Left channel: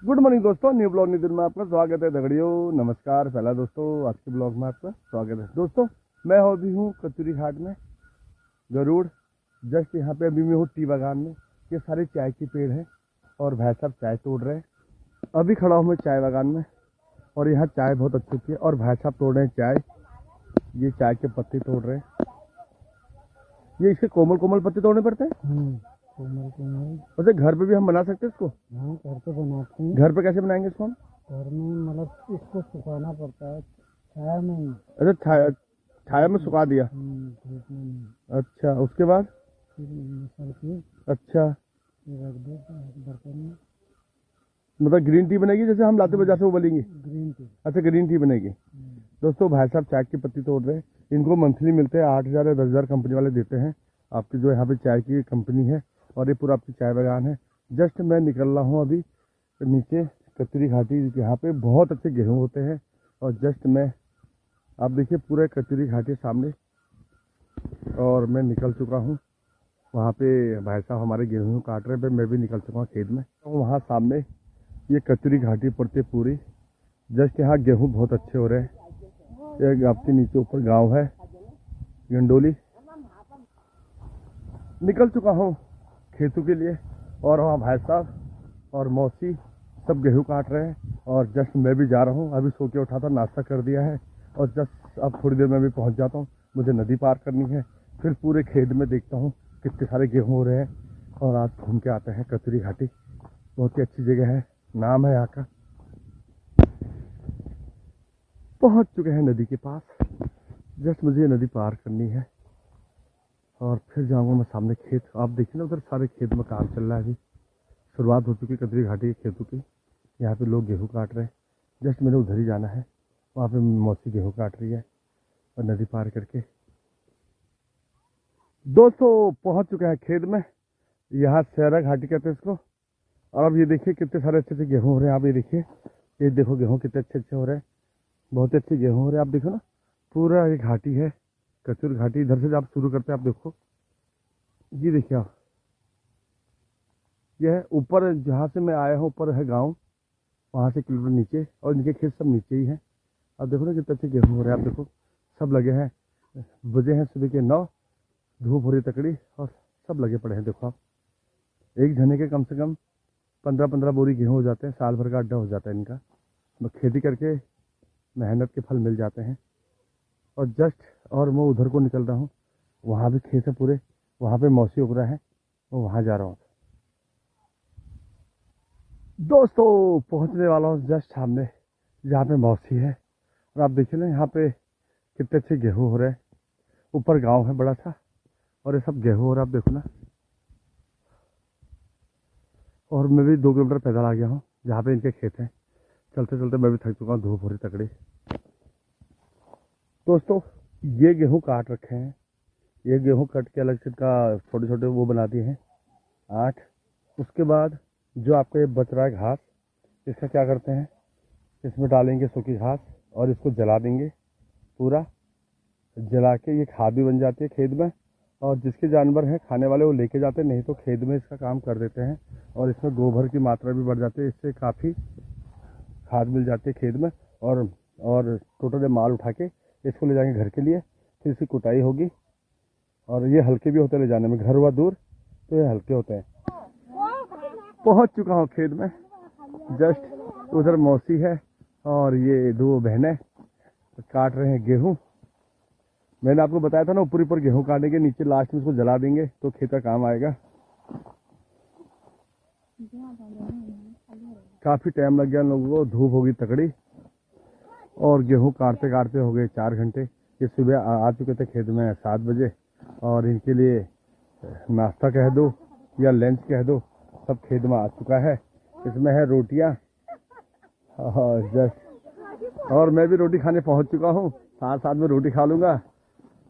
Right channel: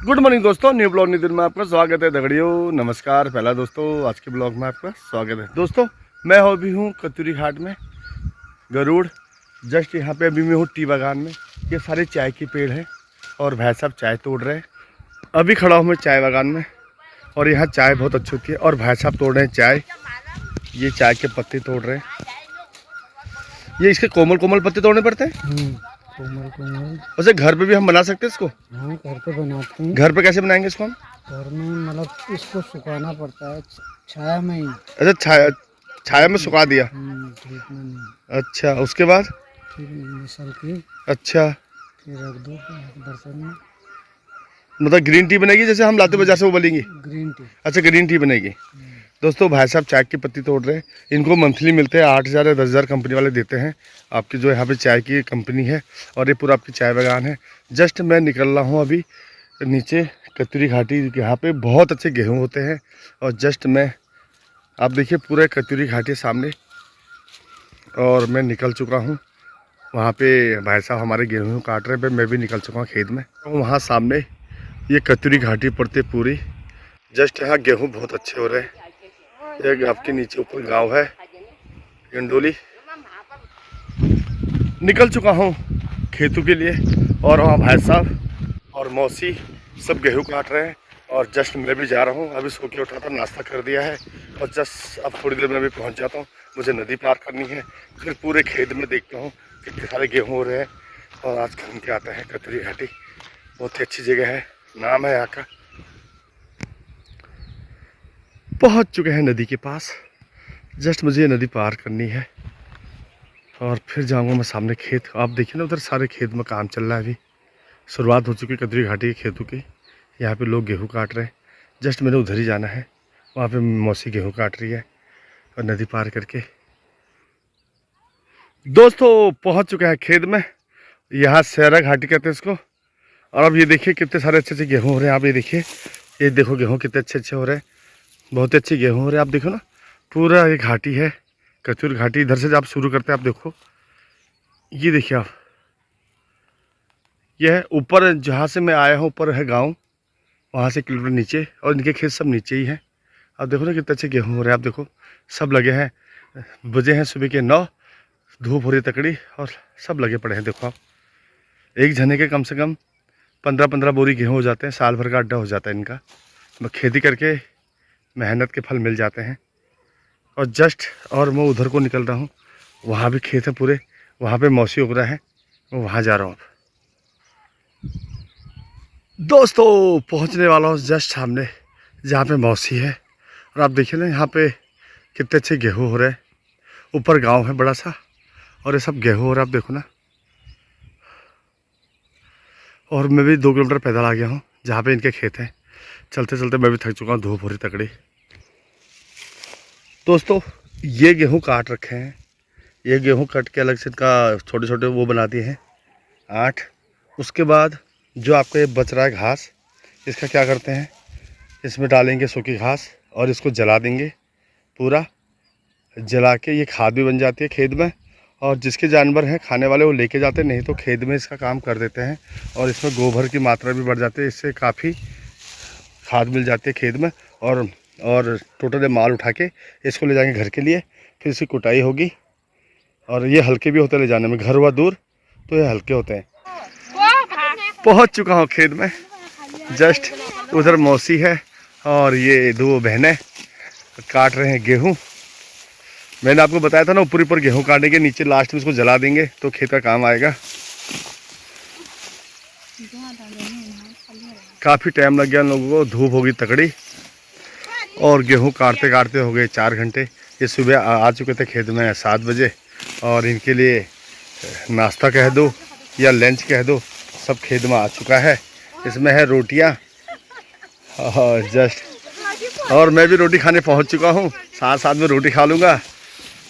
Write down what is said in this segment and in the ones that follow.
Good morning दोस्तों, new blog new दिन में आपका स्वागत है। दगड़ियों नमस्कार। पहला दोस्तों आज के ब्लॉग में आपका स्वागत है। दोस्तों मैं अभी हूँ कतूरी घाट में, गरुड़। जस्ट यहाँ पे अभी मैं हूँ टी बागान में। ये सारे चाय के पेड़ हैं और भाई साहब चाय तोड़ रहे हैं। अभी खड़ा हूँ मैं चाय बागान में और यहाँ चाय बहुत अच्छी होती है और भाई साहब तोड़ रहे हैं चाय। ये चाय के पत्ते तोड़ रहे हैं। ये इसके कोमल कोमल पत्ते तोड़ने पड़ते हैं। कोमल वैसे घर पे भी हम बना सकते हैं इसको। हाँ, घर पे बनाते हैं। घर पे कैसे बनाएंगे इसको हम? घर में मतलब इसको सुखाना पड़ता है छाया में ही। अच्छा, छाया में सुखा दिया। धूप में नहीं। अच्छा, उसके बाद फिर मिसल के अच्छा फिर रख दो बर्तन में। मतलब ग्रीन टी बनेगी जैसे हम लाते बाजार से वो बनेगी। Green tea. अच्छा, ग्रीन टी बनेगी। दोस्तों भाई साहब चाय की पत्ती तोड़ रहे हैं। इनको मंथली मिलते हैं 8,000 या 10,000 कंपनी वाले देते हैं। आपकी जो यहाँ पे चाय की कंपनी है और ये पूरा आपकी चाय बागान है। जस्ट मैं निकल रहा हूँ अभी नीचे कतूरी घाटी। यहाँ पे बहुत अच्छे गेहूँ होते हैं और जस्ट मैं आप देखिए पूरे कतूरी घाटी सामने और मैं निकल चुका हूँ। वहाँ पे भाई साहब हमारे गेहूँ काट रहे हैं। मैं भी निकल चुका हूँ खेत में। वहाँ सामने ये कतूरी घाटी पड़ती पूरी। जस्ट यहाँ गेहूँ बहुत अच्छे हो रहे हैं। एक आपके नीचे ऊपर गांव है गंडोली। निकल चुका हूँ खेतों के लिए और वहाँ भाई साहब और मौसी सब गेहूँ काट रहे हैं और जस्ट मैं भी जा रहा हूँ। अभी सो के उठा था, नाश्ता कर दिया है और जस्ट अब थोड़ी देर में भी पहुँच जाता हूँ। मुझे नदी पार करनी है, फिर पूरे खेत में देखता हूँ कितने सारे गेहूँ हो रहे हैं और आज घूम के आता है कतूरी घाटी। बहुत ही अच्छी जगह है, नाम है यहाँ का। पहुँच चुके हैं नदी के पास। जस्ट मुझे ये नदी पार करनी है और फिर जाऊंगा मैं सामने खेत। आप देखिए ना, उधर सारे खेत में काम चल रहा है। अभी शुरुआत हो चुकी है कतूरी घाटी के खेतों की। यहाँ पे लोग गेहूँ काट रहे हैं। जस्ट मैंने उधर ही जाना है। वहाँ पे मौसी गेहूँ काट रही है और नदी पार करके दोस्तों पहुँच चुके हैं खेत में। यहाँ सहरा घाटी कहते हैं इसको। और अब ये देखिए कितने सारे अच्छे अच्छे गेहूँ हो रहे हैं। आप ये देखिए, ये देखो गेहूँ कितने अच्छे अच्छे हो रहे हैं। बहुत अच्छे गेहूँ हो रहे हैं। आप देखो ना, पूरा ये घाटी है कतूरी घाटी। इधर से जब आप शुरू करते हैं, आप देखो ये देखिए आप, यह है ऊपर जहाँ से मैं आया हूँ। ऊपर है गांव, वहाँ से किलोमीटर नीचे और इनके खेत सब नीचे ही हैं। आप देखो ना कितने अच्छे गेहूँ हो रहे हैं। आप देखो सब लगे हैं। बजे हैं सुबह के 9, धूप हो रही तकड़ी और सब लगे पड़े हैं। देखो आप, एक जने के कम से कम 15-15 बोरी गेहूँ हो जाते हैं। साल भर का अड्डा हो जाता है इनका। खेती करके मेहनत के फल मिल जाते हैं। और जस्ट और मैं उधर को निकल रहा हूँ। वहाँ भी खेत है पूरे, वहाँ पे मौसी उग रहा है। मैं वहाँ जा रहा हूँ दोस्तों। पहुँचने वाला हूँ जस्ट सामने जहाँ पे मौसी है। और आप देखिए ना यहाँ पे कितने अच्छे गेहूँ हो रहे हैं। ऊपर गांव है बड़ा सा और ये सब गेहूँ हो रहा है। आप देखो ना, और मैं भी 2 किलोमीटर पैदल आ गया हूँ जहाँ पे इनके खेत हैं। चलते चलते मैं भी थक चुका हूँ, धूप हो रही तकड़ी। दोस्तों ये गेहूँ काट रखे हैं। ये गेहूँ कट के अलग से इनका छोटे छोटे वो बना दिए हैं 8। उसके बाद जो आपका ये बच रहा है घास, इसका क्या करते हैं, इसमें डालेंगे सूखी घास और इसको जला देंगे। पूरा जला के ये खाद भी बन जाती है खेत में। और जिसके जानवर हैं खाने वाले वो लेके जाते हैं, नहीं तो खेत में इसका काम कर देते हैं। और इसमें गोबर की मात्रा भी बढ़ जाती है। इससे काफ़ी खाद मिल जाती है खेत में। और टोटल माल उठा के इसको ले जाएंगे घर के लिए। फिर इसकी कुटाई होगी और ये हल्के भी होते हैं ले जाने में। घर हुआ दूर तो ये हल्के होते हैं। पहुंच चुका हूँ खेत में। जस्ट उधर मौसी है और ये 2 बहनें काट रहे हैं गेहूँ। मैंने आपको बताया था ना, ऊपर ऊपर गेहूँ काटेंगे, नीचे लास्ट में इसको जला देंगे तो खेत का काम आएगा। काफ़ी टाइम लग गया लोगों को, धूप होगी तकड़ी और गेहूँ काटते काटते हो गए 4 घंटे। ये सुबह आ चुके थे खेत में 7 बजे और इनके लिए नाश्ता कह दो या लंच कह दो, सब खेत में आ चुका है। इसमें है रोटियाँ और जस्ट, और मैं भी रोटी खाने पहुंच चुका हूं। साथ साथ में रोटी खा लूँगा।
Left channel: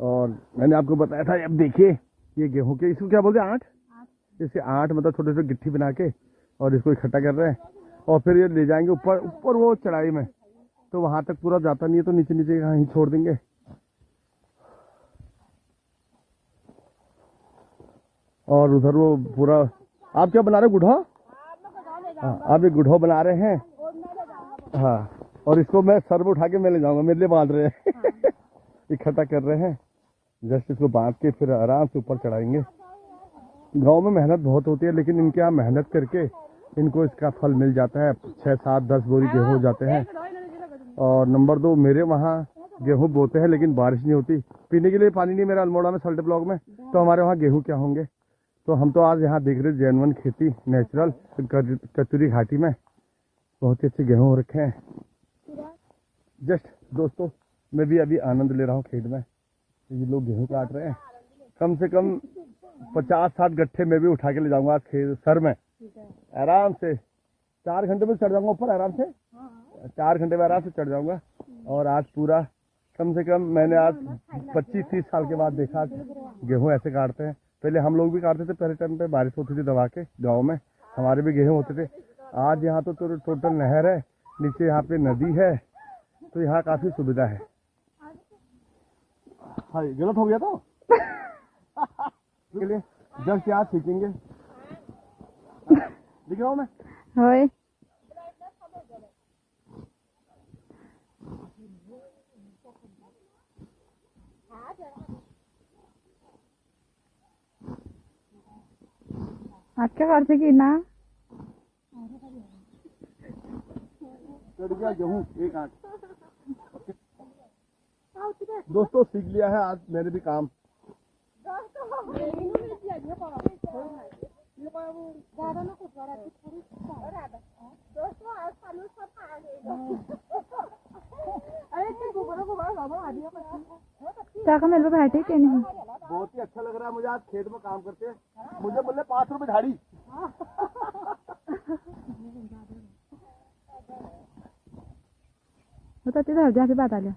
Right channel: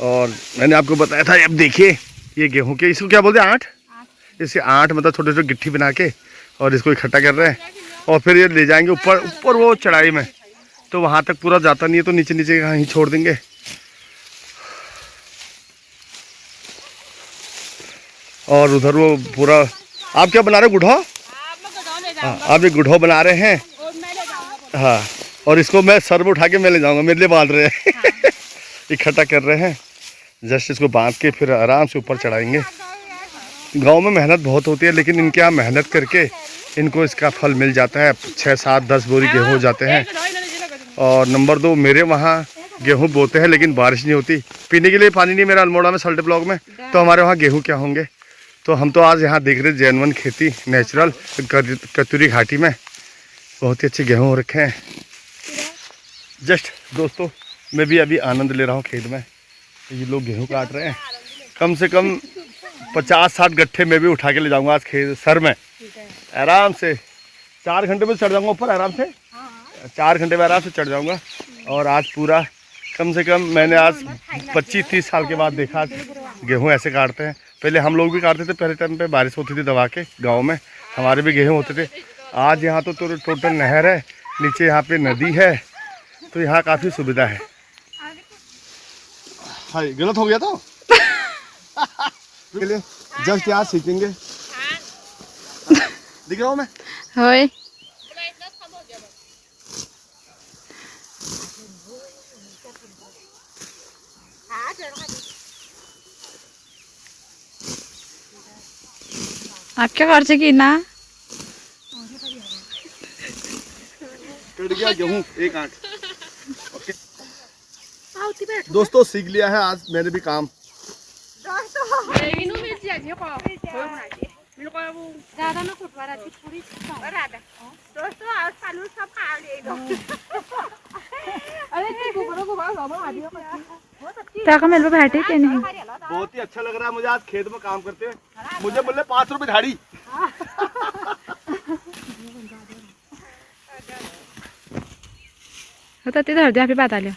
और मैंने आपको बताया था, अब देखिए ये गेहूं के, इसको क्या बोलते हैं, 8। इसे 8 मतलब छोटे छोटे गिट्टी बना के और इसको इकट्ठा कर रहे हैं। और फिर ये ले जाएंगे ऊपर ऊपर वो चढ़ाई में, तो वहाँ तक पूरा जाता नहीं है, तो नीचे नीचे कहीं छोड़ देंगे। और उधर वो पूरा, आप क्या बना रहे हो, गुढ़ा? हाँ, आप ये गुढ़ो बना रहे हैं। हाँ, और इसको मैं सर में उठा के मैं ले जाऊंगा, मेरे लिए बांध रहे हैं। इकट्ठा कर रहे हैं, जस्ट इसको बांध के फिर आराम से ऊपर चढ़ाएंगे। गांव में मेहनत बहुत होती है, लेकिन इनके यहाँ मेहनत करके इनको इसका फल मिल जाता है। 6, 7, 10 बोरी गेहूँ हो जाते हैं। और नंबर 2, मेरे वहाँ गेहूँ बोते हैं लेकिन बारिश नहीं होती, पीने के लिए पानी नहीं मेरा अल्मोड़ा में सल्टे ब्लॉक में, तो हमारे वहाँ गेहूँ क्या होंगे। तो हम तो आज यहाँ देख रहे जैनवन खेती नेचुरल कतूरी घाटी में बहुत ही अच्छे गेहूँ हो रखे हैं। जस्ट दोस्तों, मैं भी अभी आनंद ले रहा हूँ खेत में। ये लोग गेहूँ काट रहे हैं, कम से कम 50-60 गट्ठे मैं भी उठा के ले जाऊँगा आज खेत सर में। आराम से 4 घंटे में चढ़ जाऊँगा ऊपर, आराम से 4 घंटे में आराम से चढ़ जाऊँगा। और आज पूरा कम से कम मैंने आज 25-30 साल के बाद देखा आज गेहूँ ऐसे काटते हैं। पहले हम लोग भी काटते थे, पहले टाइम पे बारिश होती थी दबा के, गांव में हमारे भी गेहूँ होते थे। आज यहाँ तो टोटल नहर है, नीचे यहाँ पे नदी है, तो यहाँ काफ़ी सुविधा है। हाँ, गलत हो गया तो जस्ट यहाँ सीखेंगे। दिख रहा हूँ मैं? होय आपके घर से की ना कट गया गेहूँ एक आंट। ओके दोस्तों, सीख लिया है आज मैंने भी काम। मेरे बैठे के नहीं बहुत ही अच्छा लग रहा है मुझे आज खेत में काम करते हुए। मुझे बोले 5 रुपए झाड़ी। होता ते धर दे बात आल्या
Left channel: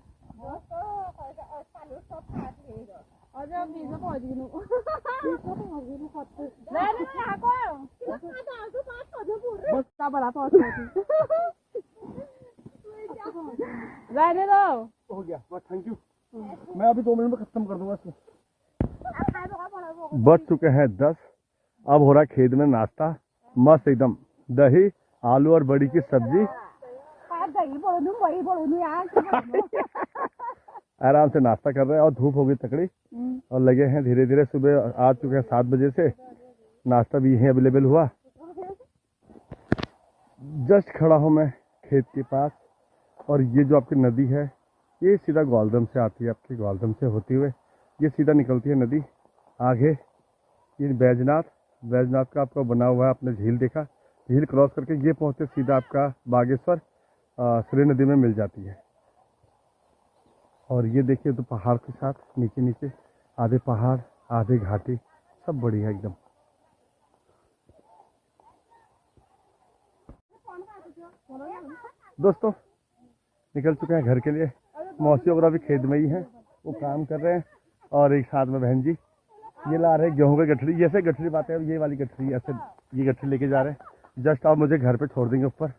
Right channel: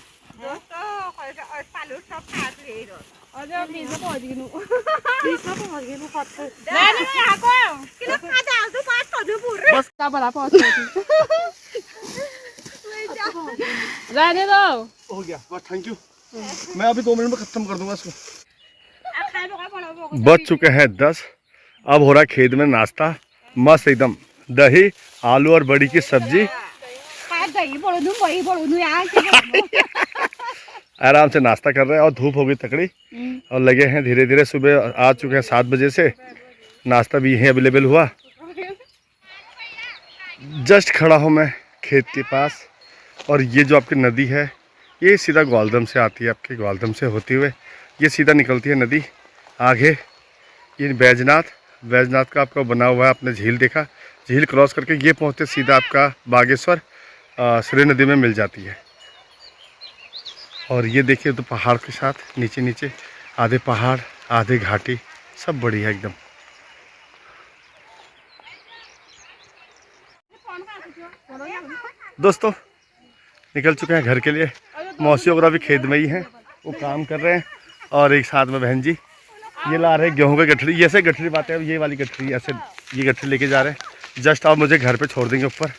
हो गया बस, थैंक यू। मैं अभी 2 मिनट में खत्म कर दूंगा इसको। बज चुके हैं 10। अब हो रहा है खेत में नाश्ता, मस्त एकदम दही, आलू और बड़ी की सब्जी। आराम से नाश्ता कर रहे हैं और धूप हो गई तकड़ी और लगे हैं धीरे धीरे। सुबह आ चुके हैं 7 बजे से, नाश्ता भी यहीं अवेलेबल हुआ। जस्ट खड़ा हूँ मैं खेत के पास, और ये जो आपकी नदी है ये सीधा ग्वालदम से आती है, आपके ग्वालदम से होते हुए ये सीधा निकलती है नदी आगे। ये बैजनाथ का आपका बना हुआ है, आपने झील देखा, झील क्रॉस करके ये पहुँचते सीधा आपका बागेश्वर सूर्य नदी में मिल जाती है। और ये देखिए तो पहाड़ के साथ नीचे नीचे आधे पहाड़ आधे घाटी, सब बढ़िया एकदम। दोस्तों निकल चुके हैं घर के लिए। मौसी वगैरह भी खेत में ही हैं, वो काम कर रहे हैं। और एक साथ में बहन जी ये ला रहे हैं गेहूं की गठरी। ये ऐसे गठरी बातें हैं, ये वाली गठरी ऐसे ये गठरी लेके जा रहे हैं। जस्ट अब मुझे घर पे छोड़ देंगे ऊपर।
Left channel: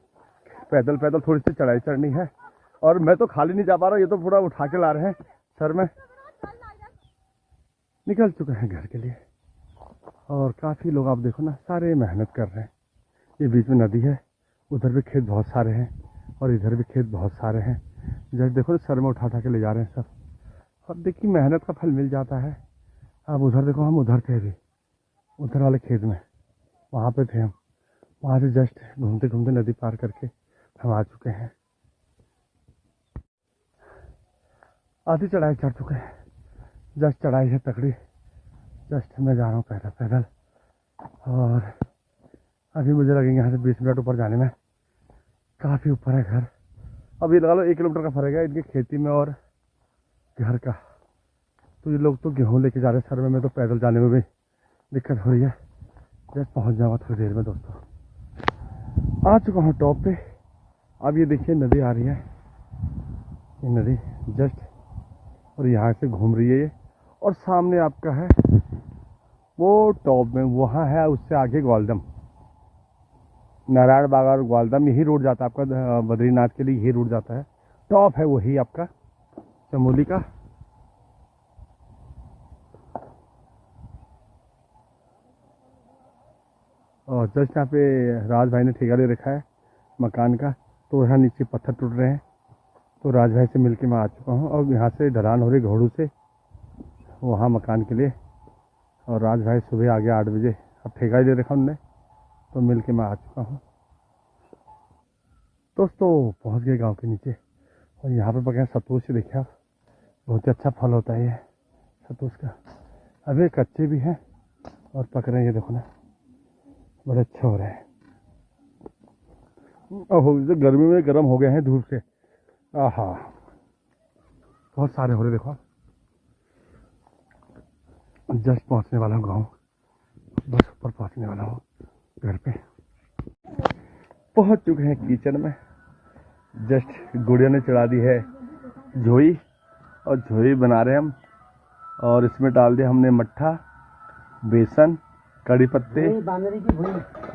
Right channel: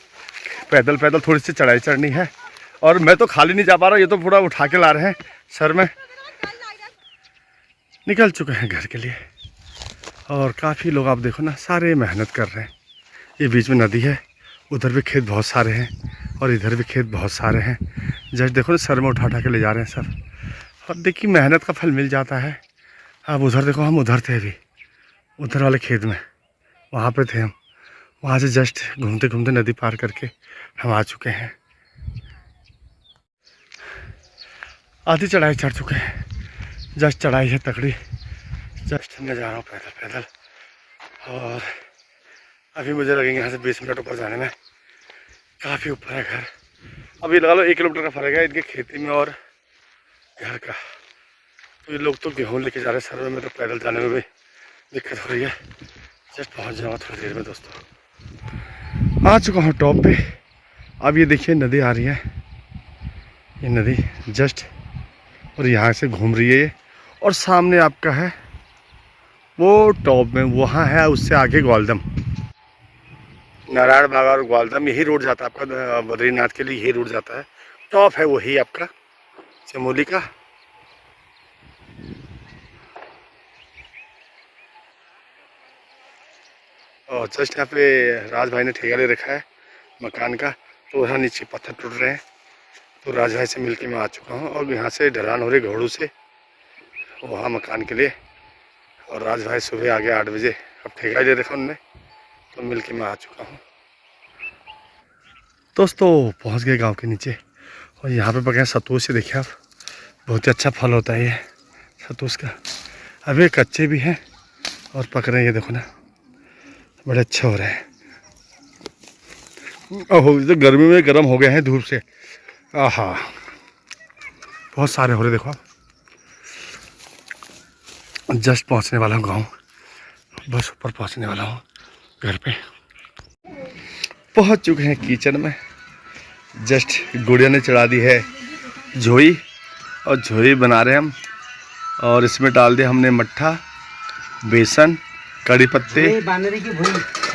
पैदल थोड़ी सी चढ़ाई चढ़नी है, और मैं तो खाली नहीं जा पा रहा, ये तो पूरा उठा के ला रहे हैं सर में। निकल चुके हैं घर के लिए, और काफ़ी लोग आप देखो ना सारे मेहनत कर रहे हैं। ये बीच में नदी है, उधर भी खेत बहुत सारे हैं और इधर भी खेत बहुत सारे हैं। जस्ट देखो ना सर में उठा के ले जा रहे हैं सब। और देखिए मेहनत का फल मिल जाता है। अब उधर देखो, हम उधर थे अभी, उधर वाले खेत में वहाँ पे थे हम। वहाँ से जस्ट घूमते घूमते नदी पार करके हम आ चुके हैं। आधी चढ़ाई चढ़ चुके हैं, जस्ट चढ़ाई है तकड़ी। जस्ट मैं जा रहा हूँ पैदल। और अभी मुझे लगेंगे यहाँ से 20 मिनट ऊपर जाने में। काफ़ी ऊपर है घर, अभी लगा लो 1 किलोमीटर का फ़र्क है इनके खेती में और घर का। तो ये लोग तो गेहूँ लेके जा रहे हैं सर में, तो पैदल जाने में भी दिक्कत हो रही है। जस्ट पहुँच जाऊँगा थोड़ी देर में। दोस्तों आ चुका हूँ टॉप पे। अब ये देखिए नदी आ रही है, ये नदी जस्ट, और यहाँ से घूम रही है ये। और सामने आपका है वो टॉप में, वहाँ है उससे आगे ग्वालदम, नारायण बाग और ग्वालदम, यही रोड जाता है आपका बद्रीनाथ के लिए, यही रोड जाता है। टॉप है वही आपका चमोली का। और जस्ट यहाँ पे राज भाई ने ठेका ले रखा है मकान का, तो वहाँ नीचे पत्थर टूट रहे हैं। तो राज भाई से मिलके मैं आ चुका हूँ और यहाँ से ढलान हो रही घोड़ू से वहाँ मकान के लिए। और राज भाई सुबह आ गया 8 बजे, अब ठेका ही ले रखा उनने, तो मिल के मैं आ चुका हूँ। दोस्तों पहुँच गए गांव के नीचे और यहाँ पे पके सतूस से देखिए आप, बहुत ही अच्छा फल होता है ये सतूस का। अभी कच्चे भी हैं और पक रहे हैं, ये देखो ना बड़े अच्छे हो रहे हैं। ओहो तो गर्मी में गर्म हो गए हैं धूप से। आहा बहुत सारे हो रहे देखो आप। जस्ट पहुंचने वाला हूँ गाँव, बस ऊपर पहुंचने वाला हूँ घर पे। पहुंच चुके हैं किचन में। जस्ट गुड़िया ने चढ़ा दी है झोई और झोई बना रहे हम। और इसमें डाल दिया हमने मट्ठा, बेसन, कड़ी पत्ते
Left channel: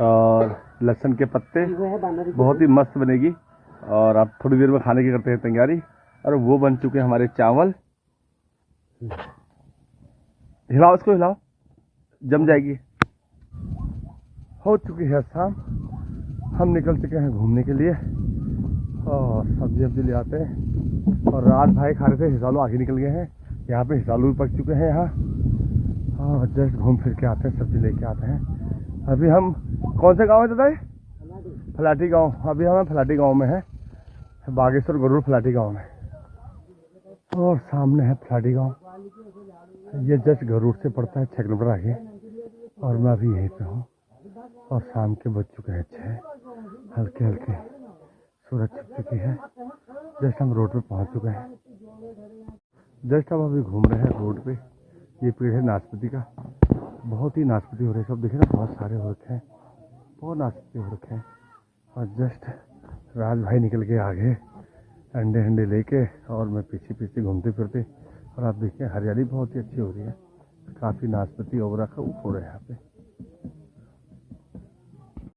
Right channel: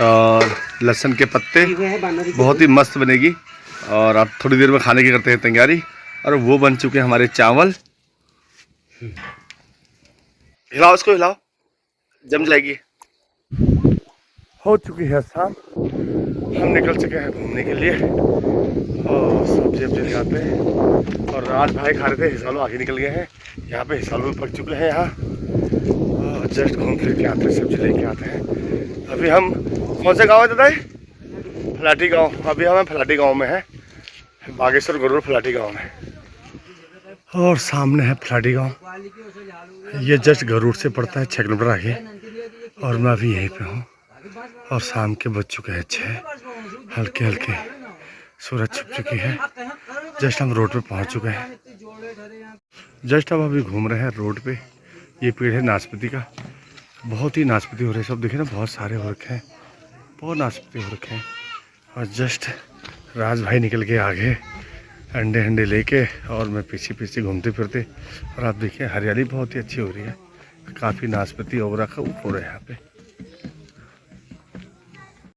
और लहसुन के पत्ते, बहुत ही मस्त बनेगी। और अब थोड़ी देर में खाने की करते हैं तैयारी। और वो बन चुके हैं हमारे चावल। हिलाओ इसको, हिलाओ, जम जाएगी। हो चुकी है शाम, हम निकल चुके हैं घूमने के लिए और सब्जी वब्जी ले आते हैं। और राज भाई खा रहे थे हिसालो, आगे निकल गए हैं। यहाँ पे हिसालो भी पक चुके हैं यहाँ। और जस्ट घूम फिर के आते हैं, सब्जी लेके आते हैं। अभी हम कौन से गांव है दादा? फलाटी गांव। अभी हम फलाटी गांव में है, बागेश्वर गरुड़ फलाटी गांव में। और सामने है फलाटी गांव। ये जस्ट गरुड़ से पड़ता है 6 किलोमीटर आगे। और मैं अभी यहीं पे हूँ और शाम के बज चुके हैं 6, हल्के हल्के सूरज छुप चुकी है। जस्ट हम रोड पे पहुँच चुके हैं। जस्ट अब अभी घूम रहे हैं रोड पे। ये पेड़ है नाशपाती का, बहुत ही नाशपाती हो रहे हैं सब, देखिए ना बहुत सारे हो रखे हैं, बहुत नाशपाती हो रखे हैं। और जस्ट राज भाई निकल के आगे अंडे अंडे लेके और मैं पीछे पीछे घूमते फिरते। और आप देखिए हरियाली बहुत ही अच्छी हो रही है, काफ़ी नाशपाती ओवरा का हो रहा है यहाँ पे।